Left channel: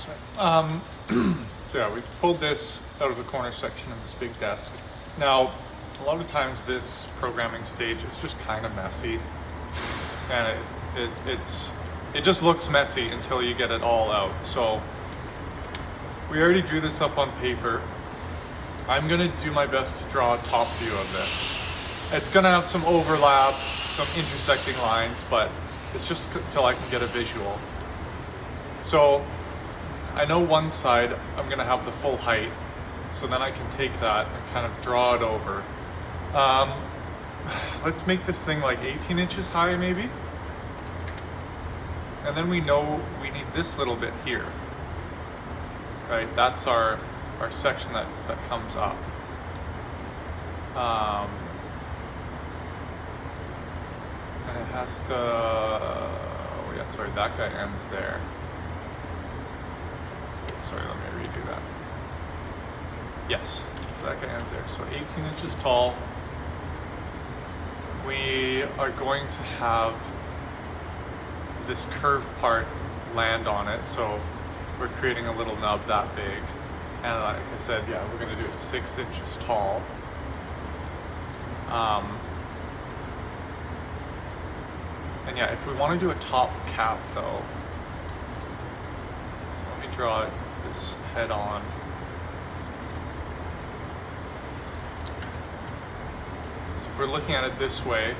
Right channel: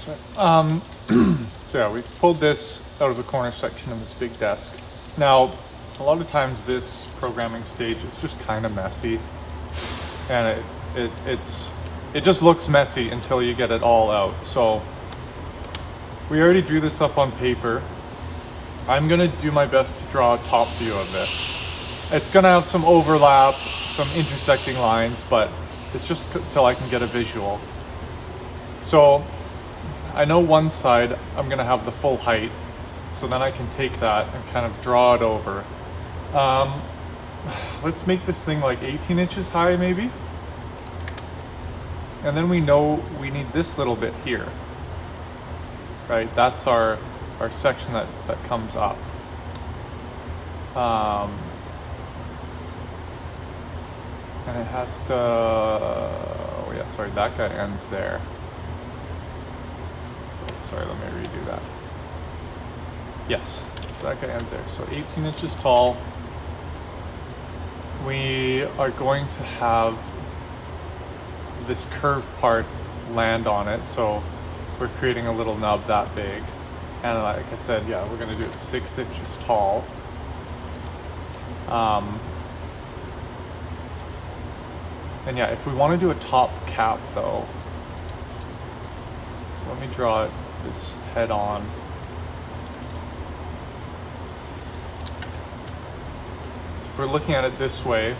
So yeah, we pulled this out of the corner section in this big desk. Now, a lot of times this programming stage is just kind of messy, and it just looks messy until you get it all out. So we already drew this up on paper. I'm gonna do my best to draw a top view of this. It's gonna have some overlap, some intersecting lines, but it's just till I can get a visual. So I know one side I'm gonna have the full height, so then I can take that and kind of draw it over. Let's make this thing like 18 inches high maybe. And then we know we need this little bit here, right? That's our section that comes up. And it has to, oh yeah, sorry, that guy ends there. Sorry, let me redo that. Yes, so that guy ends there. So 18 inches tall. We are going to have this curved part land on it, so we're creating a little nub that big. And like I said, yeah, we're going to do it 6 inches tall. And yeah, if we want to do a top cap though, so let me draw this head on. So if we're looking at it this way,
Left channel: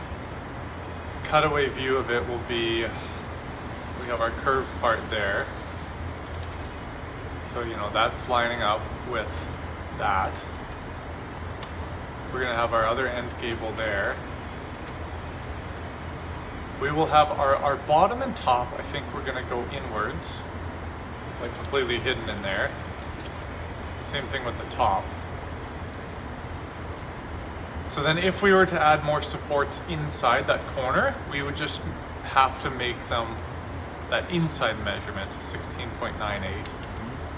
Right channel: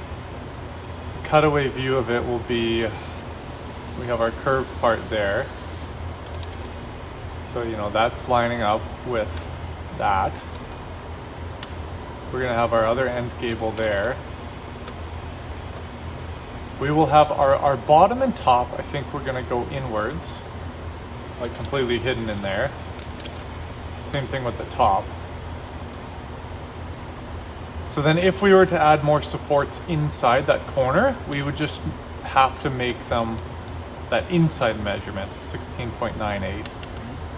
cutaway view of it will be, we have our curved part there. So, you know, that's lining up with that. We're going to have our other end gable there. We will have our bottom and top, I think we're going to go inwards, like completely hidden in there. Same thing with the top. So then if we were to add more supports inside that corner, we would just have to make them that inside measurement, 16.98.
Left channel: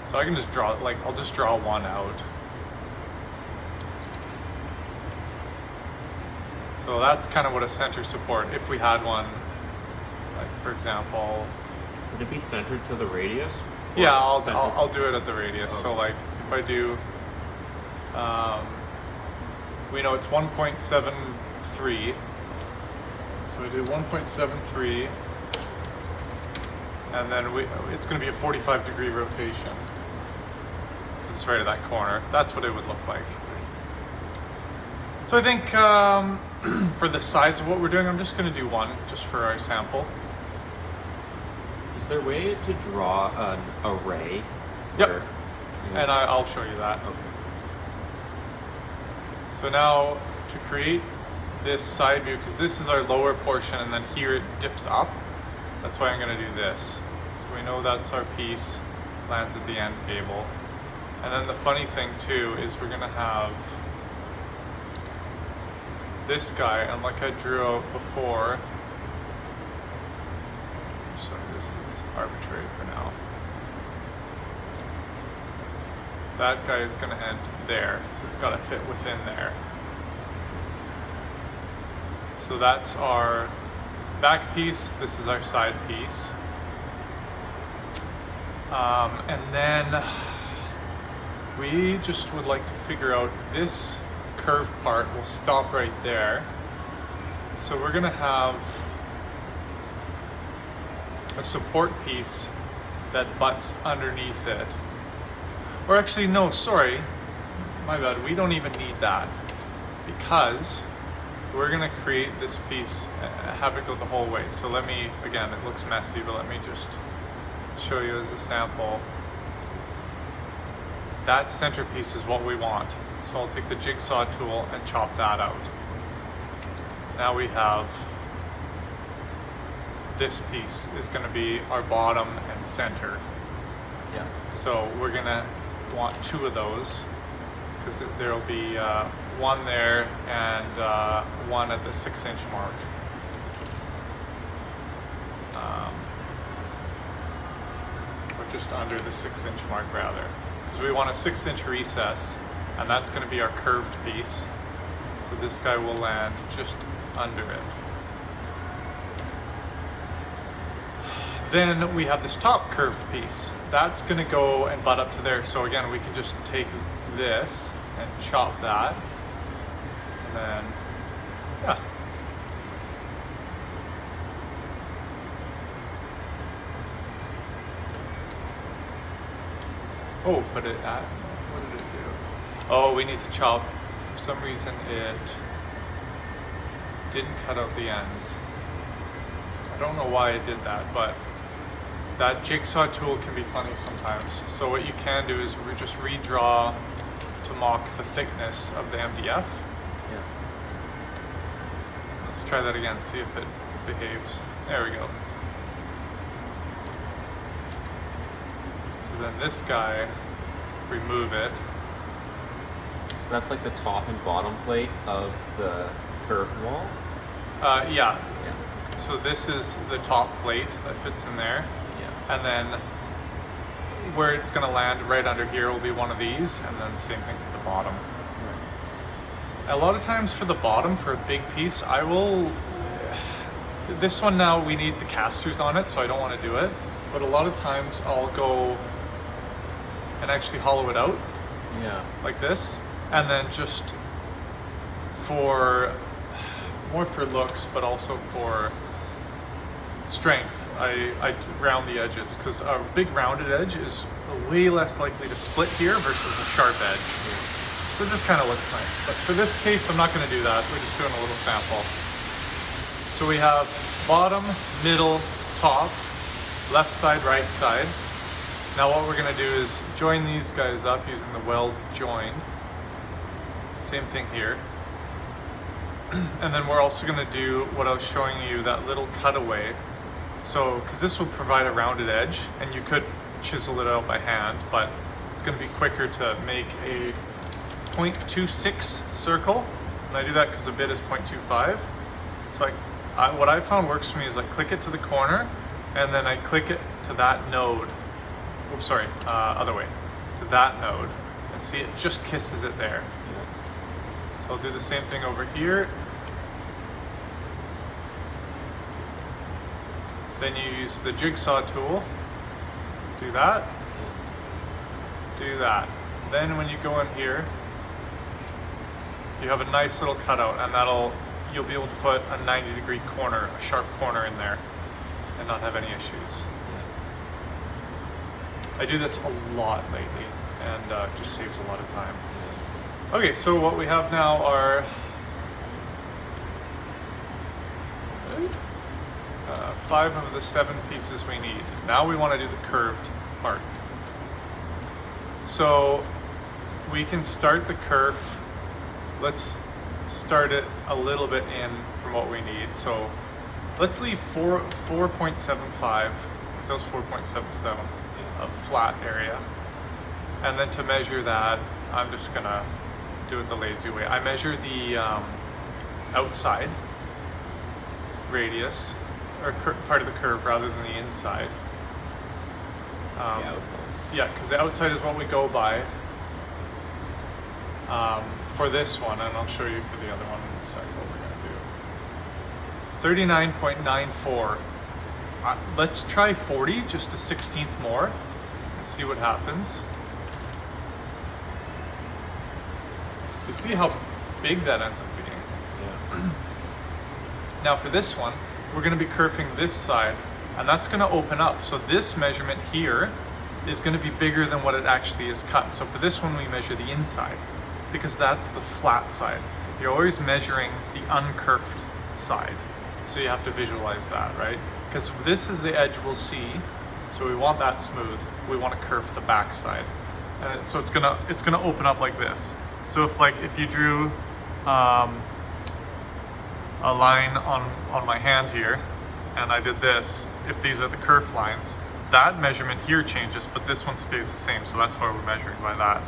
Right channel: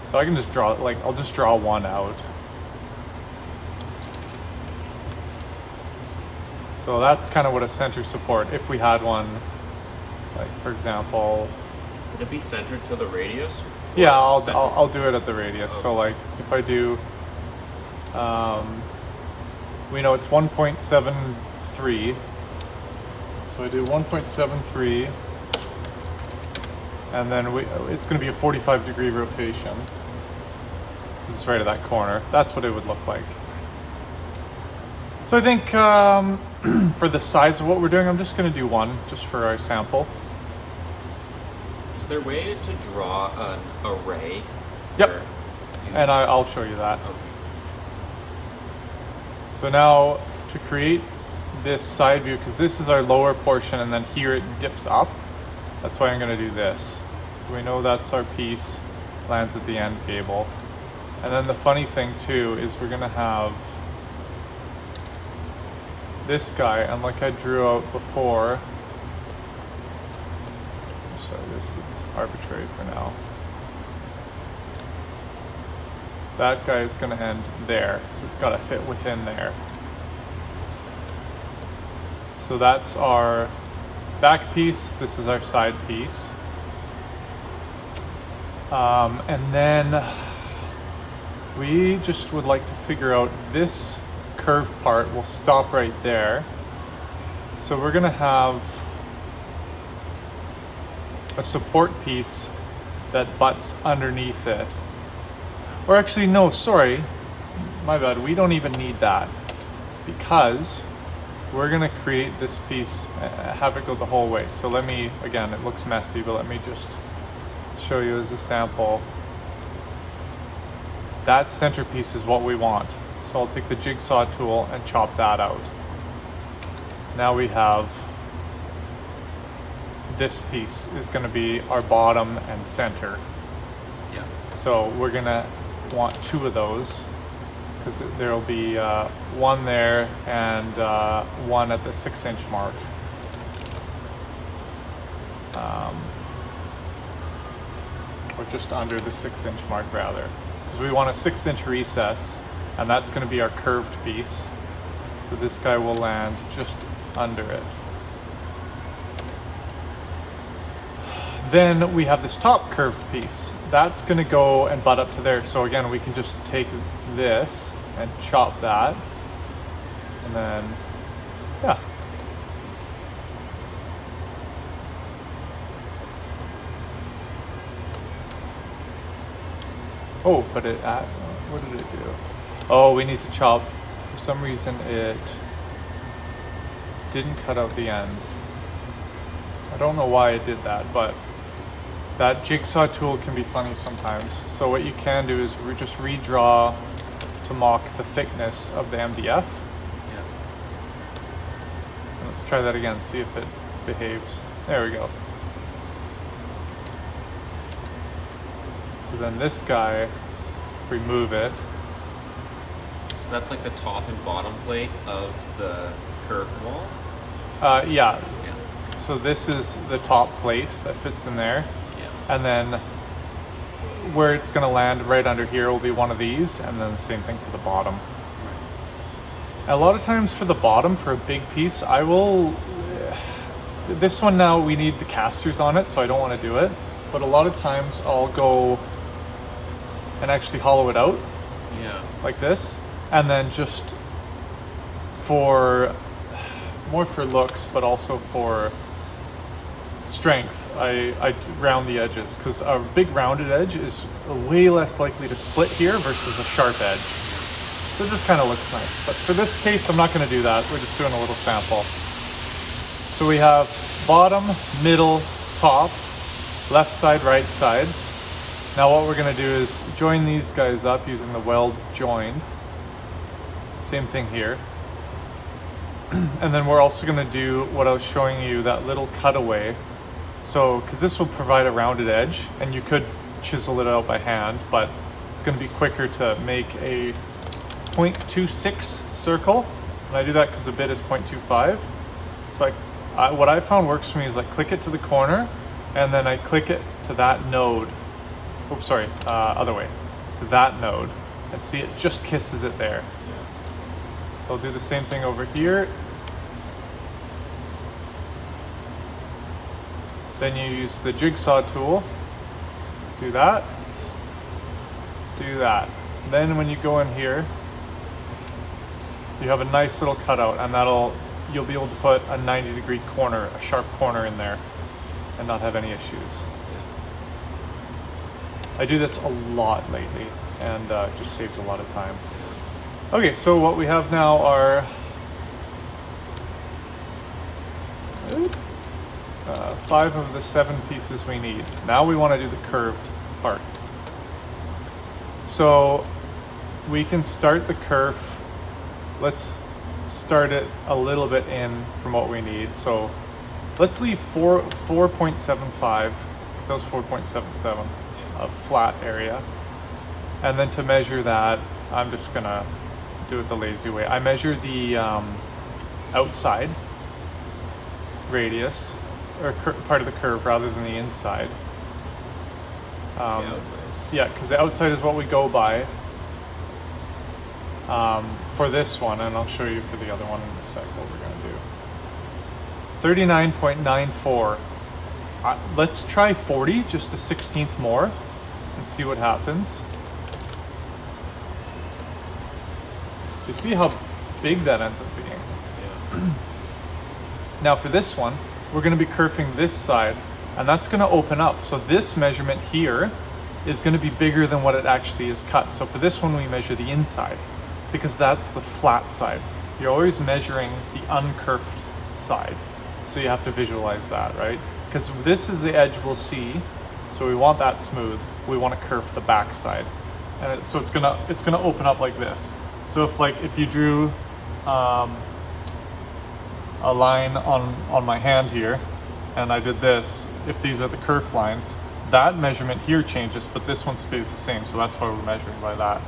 So I can just draw, like, I'll just draw one out. So that's kind of what a center support, if we had one, like for example. Would it be centered to the radius? Yeah, I'll do it at the radius. Okay. So like if I do, we know it's 1.73. So I do 1.73, and then it's going to be a 45-degree rotation. This is right at that corner. That's what it would look like. So I think for the size of what we're doing, I'm just going to do one, just for our sample. Is there a way to draw an array? Yep, and I'll show you that. Okay. So now to create this side view, because this is our lower portion and then here it dips up, that's why I'm going to do this. So we know that's our piece, lands at the end gable. And then the funny thing too is we're going to have this guy, and like I drew out before, so this is arbitrary for now. That guy is going to end there, so it's got to fit within there. So that's our back piece, this is our side piece. And then we just would like to figure out this curved part will stop right there. So we're going to have a support piece that butts underneath it. Or actually, no, sorry, my bad, we don't even need that, because we're going to create this piece, have it go the whole way. So let me, again, it looks messy, but let me just show you as a sample. That centerpiece is what we want. So I'll take the jigsaw tool and chop that out. Now we have this piece is going to be our bottom and center. Yeah. So we're going to want two of those, because there will be one there and one at the 6-inch mark. Or just under the 6-inch mark rather. Because we want a 6-inch recess, and that's going to be our curved piece. So this guy will land just under it. Then we have this top curved piece. That's gonna go and butt up to there. So again, we can just take this and chop that. And then, yeah. Oh, but what did it do? Oh, we need to chop. For some reason it didn't cut out the ends. I don't know why it did that, but that jigsaw tool can be funny sometimes. So what you can do is just redraw to mock the thickness of the MDF. Yeah. Let's try that again, see if it behaves. There we go. So then this guy, remove it. So that's like the top and bottom plate of the curved wall? Yeah. Yeah. So this is the top plate that fits in there. Yeah. And then where it's going to land right under here will be one of these, and then same thing for the bottom. Right. A lot of times for the bottom, for a big piece, I will... This one now, we need the casters on it, so I don't want to do it. But a lot of times I'll go and actually hollow it out. Yeah. Like this. And then just for... more for looks, but also for strength, I round the edges, because a big rounded edge is way less likely to split here versus a sharp edge. So it just kind of looks nice. But for this case, I'm not going to do that. We're just doing a little sample. So we have bottom, middle, top, left side, right side. Now what we're going to do is join these guys up using the weld join. Same thing here. And then we're also going to do what I was showing you, that little cutaway. So, because this will provide a rounded edge, and you could chisel it out by hand, but it's going to be quicker to make a 0.26 circle. And I do that because the bit is 0.25. So what I found works for me is I click it to the corner, and then I click it to that node. Oops, sorry, other way. To that node. And see, it just kisses it there. So I'll do the same thing over here. Then you use the jigsaw tool. Do that. Do that. And then when you go in here, you have a nice little cutout, and you'll be able to put a 90-degree corner, a sharp corner in there, and not have any issues. I do this a lot lately, and it just saves a lot of time. Okay, so what we have now are 5 of the 7 pieces we need. Now we want to do the curved part. So we can start the kerf. Let's start it a little bit in from what we need. So let's leave 4.75, because that was 4.77, a flat area. And then to measure that, I'm just gonna do it the lazy way. I measure the outside radius, or part of the curve, rather than the inside. Yeah, because the outside is what we go by for this one, and I'll show you for the other one in a second what we're going to do. 39.94. Let's try 40, just a 16th more, and see what happens. So see how big that ends up being. Now for this one, we're going to be kerfing this side, and that's going to open up. So this measurement here is going to be bigger than what it actually is cut. So for this one, we measure the inside, because that's the flat side. You're always measuring the uncurved side. So you have to visualize that, right? Because this is the edge we'll see, so we want that smooth. We want to kerf the back side. So it's gonna open up like this. So if you drew a line on my hand here, and I did this, if these are the kerf lines, that measurement here changes, but this one stays the same, so that's why we're measuring by that.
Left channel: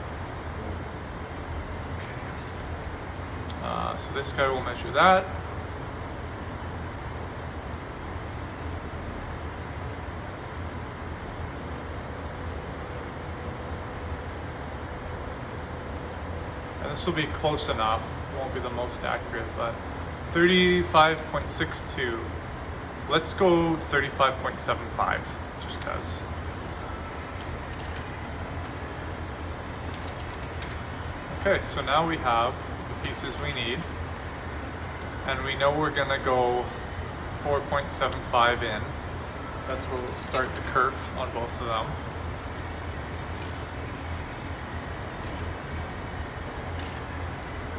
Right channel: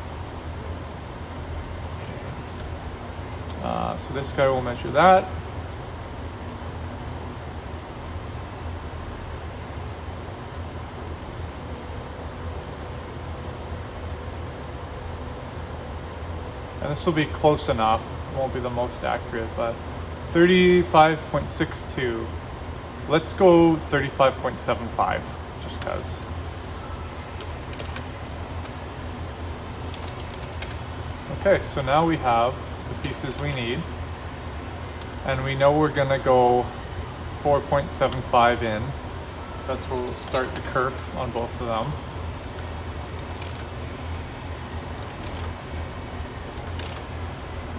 So this guy will measure that. And this will be close enough, won't be the most accurate, but 35.62. Let's go 35.75, just cause. Okay, so now we have the pieces we need, and we know we're gonna go 4.75 in. That's where we'll start the kerf on both of them.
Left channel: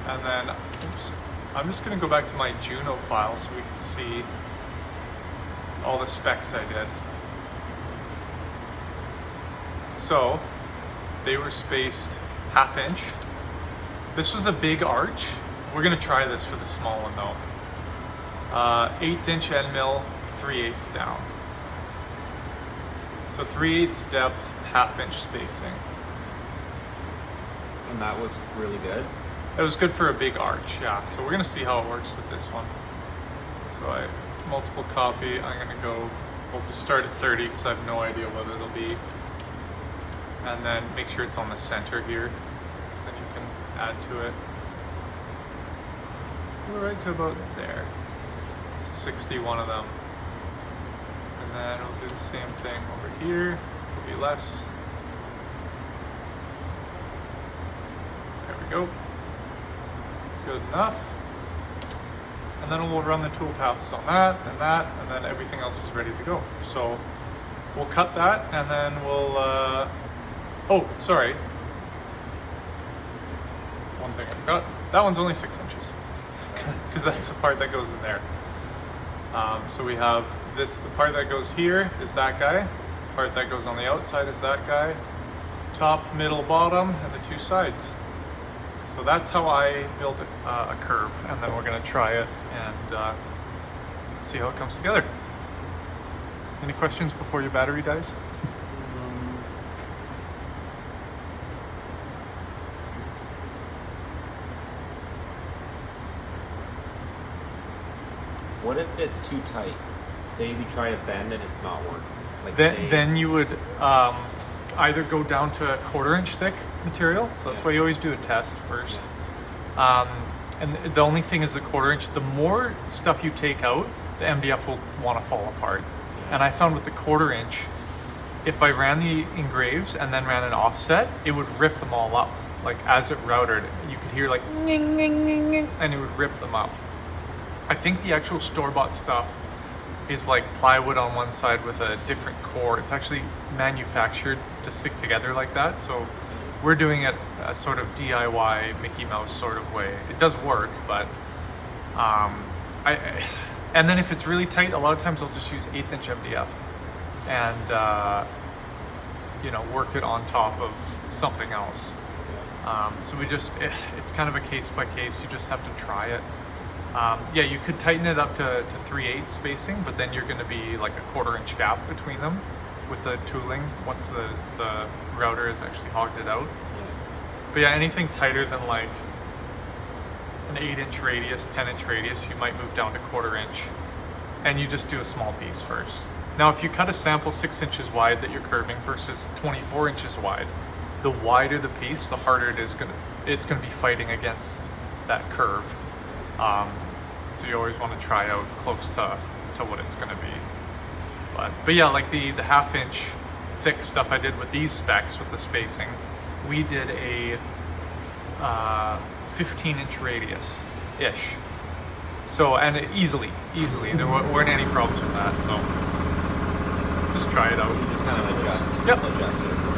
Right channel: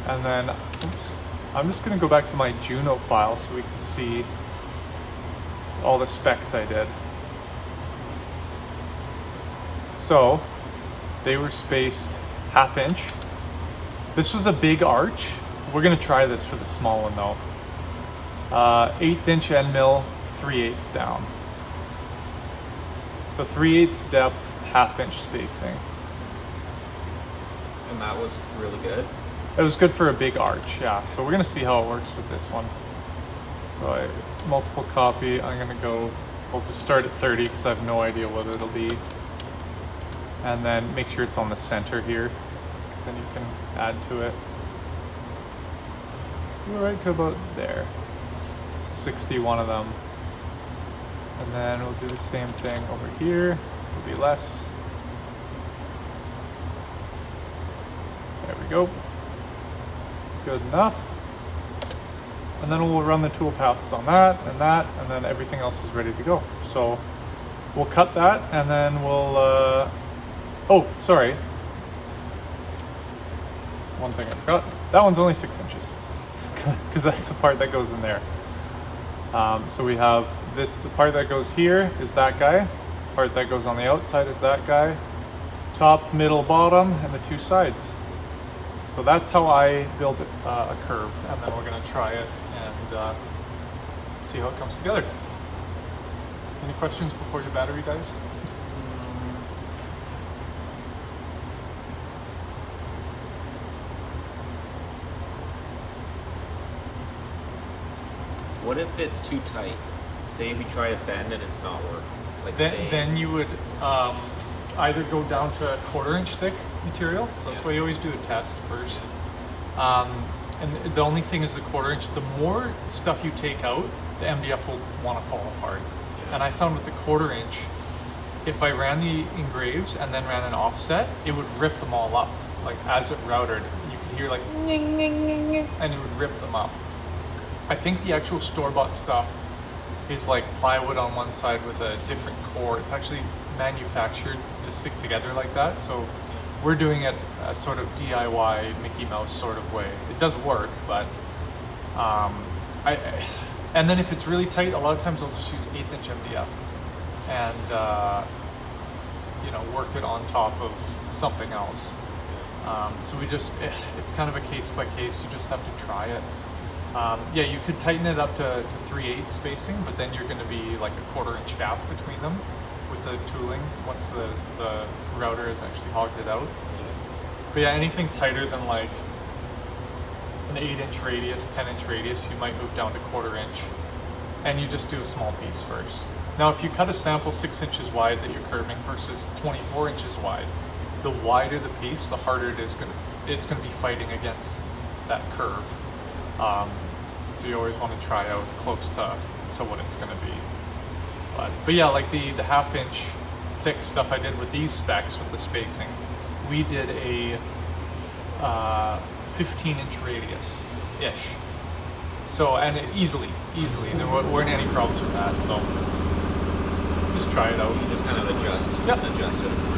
And then, oops, I'm just gonna go back to my Juno file so we can see all the specs I did. So, they were spaced 1/2 inch. This was a big arch. We're gonna try this for the small one though. 1/8 inch end mill, 3/8 down. So 3/8 depth, 1/2 inch spacing. And that was really good. It was good for a big arch, yeah. So we're gonna see how it works with this one. So I multiple copy. I'm gonna go. We'll just start at 30 because I have no idea what it'll be. And then make sure it's on the center here, because then you can add to it. Right to about there. So 61 of them. And then we'll do the same thing over here. Maybe less. There we go. Good enough. And then we'll run the tool paths on that, and then everything else is ready to go. So we'll cut that, and then we'll, oh, sorry. One thing I forgot. That one's only 6 inches, because that's the part that goes in there. So we have this, the part that goes here is that guy, the part that goes on the outside is that guy, top, middle, bottom, and the two sides. So that's how I build a kerf, and then we're gonna try it and see how it comes together. Any questions before your battery dies? What if it's too tight? Say we try a bend and it's not working. Then you would either go down to a 1/4 inch thick material. So that's why you always do a test first. And the only thing is the 1/4 inch. The more stuff you take out, the MDF will want to fall apart. And I found with the 1/4 inch, if I ran the engraves and then ran an offset, it would rip them all up. Like as it routed, you could hear like ning, ning, ning, ning, and it would rip them up. I think the actual store-bought stuff is like plywood on one side with a different core. It's actually manufactured to stick together like that. So we're doing it a sort of DIY Mickey Mouse sort of way. It does work, but and then if it's really tight, a lot of times I'll just use 1/8 inch MDF and you know, work it on top of something else. So we just, it's kind of a case by case. You just have to try it. Yeah, you could tighten it up to 3/8 spacing, but then you're going to be like a 1/4 inch gap between them with the tooling once the router has actually hogged it out. But yeah, anything tighter than like an 8 inch radius, 10 inch radius, you might move down to 1/4 inch, and you just do a small piece first. Now, if you cut a sample 6 inches wide that you're curving versus 24 inches wide, the wider the piece, the harder it's going to be fighting against that curve. So you always want to try out close to what it's going to be. But yeah, like the 1/2 inch thick stuff I did with these specs with the spacing, we did a 15 inch radius ish. So, and easily, there weren't any problems with that. So just try it out. You just kind of adjust. Yep. Adjust it.